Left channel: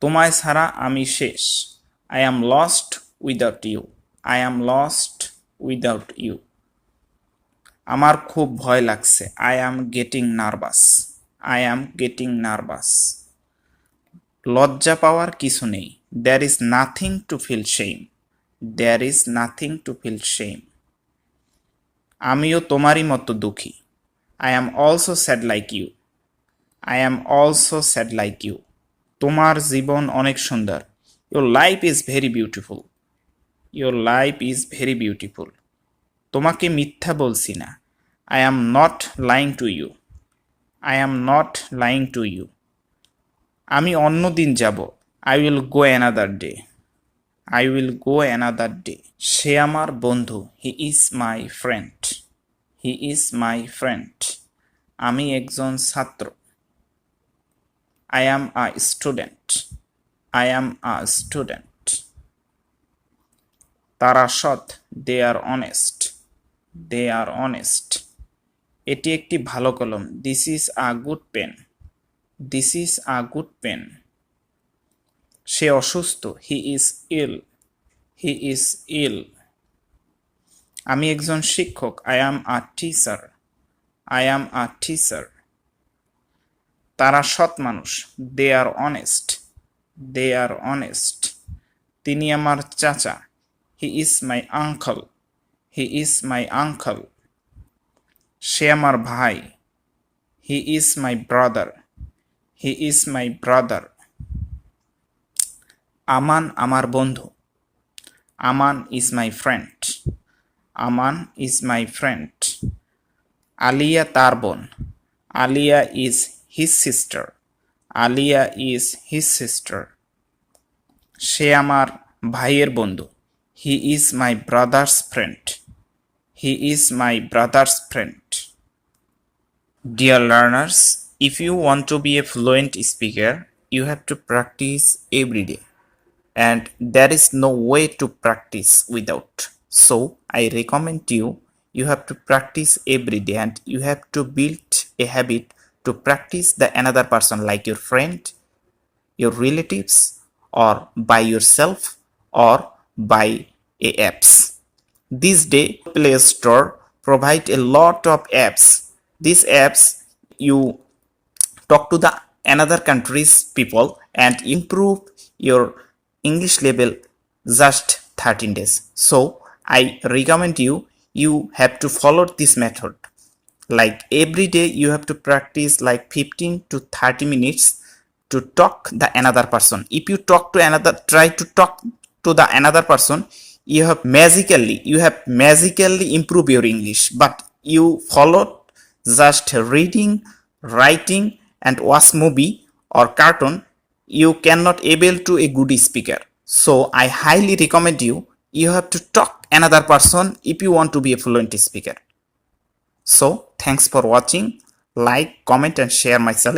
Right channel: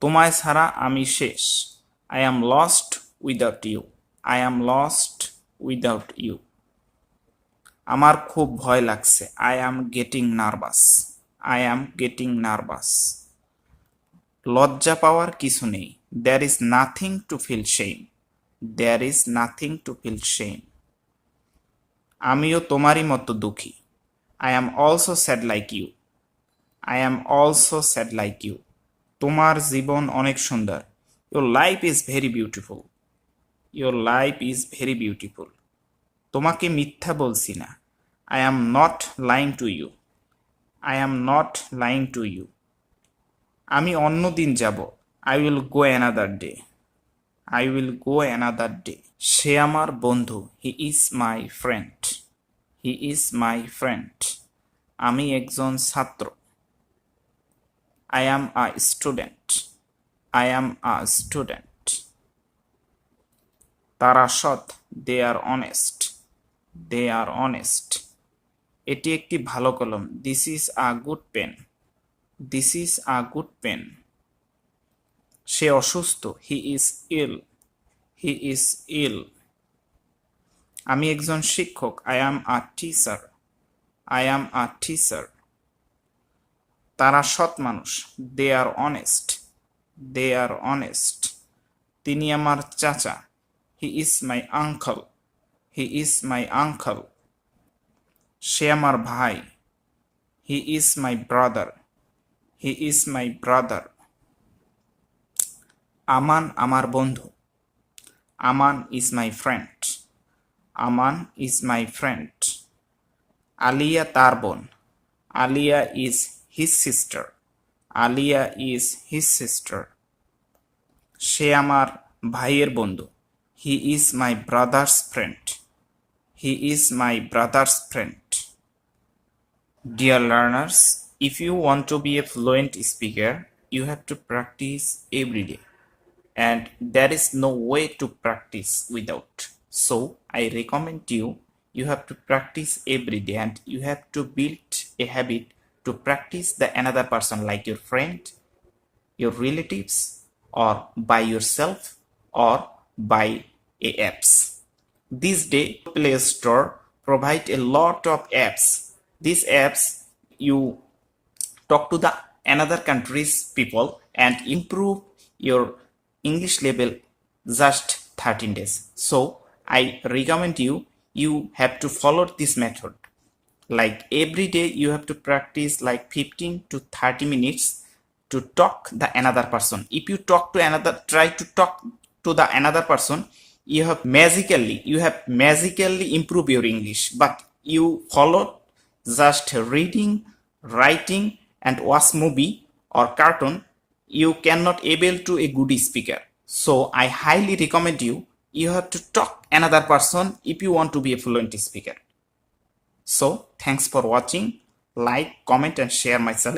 তোমায় ছাড়া আমি শেষ। I am lost without you. I am lost without you. আমার খুব ভয় লাগছে। I am getting nervous. I am getting nervous. লজ্জা পাওয়ার কিছু নেই। There is nothing to feel shame. There is nothing to feel shame. আমিও তোমারই মতো দুঃখী। I am also sad like you. I am also sad like you. তোমার জীবন অনেক সুন্দর। Your life is very beautiful. Your life is very beautiful. তোমাকে মিথ্যা বলছি না। I am not lying to you. I am not lying to you. আমি অন্য দিন যাব। I will go another day. I will go another day. সে আমার বন্ধু। He is my friend. He is my friend. আমি একজন ছাত্র। I am a student. I am a student. তারা সৎ। They are honest. They are honest. এটি একটি ভালো কলম। This is a good pen. This is a good pen. সে অসুস্থ। He is ill. He is ill. আমি একজন শিক্ষক। I am a teacher. I am a teacher. তারা সৎ মানুষ। They are honest. They are honest. তিনি আমার চাচা। He is my uncle. He is my uncle. সে আমার ভাই। He is my brother. He is my brother. আমান আমার বন্ধু। আমান is my friend. Aman is my friend. Alia তার বোন। Alia is his sister. Alia is his sister. সে আমার ভাইয়ের বন্ধু। He is my brother's friend. He is my brother's friend. Dear learners, if you want to be a fluent speaker, you have to practice every day. And there is no way to practice without. So I recommend you have to practice every day and you have to build a habit to practice the another person like your friend, your relatives, or by yourself or by a apps. This day Play Store provide a lot of apps. These apps you talk to the another countries people and improve your English level just 13 days. So I recommend you have to follow this method. Like every day you have to practice like 15 to 30 minutes to talk the another person. If you try to talk to the another person, you have magically improve your English. But you follow just reading, writing and watch movie or cartoon, you cannot able to a good speaker. So I highly recommend you have to talk another person if you want to be a fluent speaker. So thanks for watching. Like, comment and share my channel.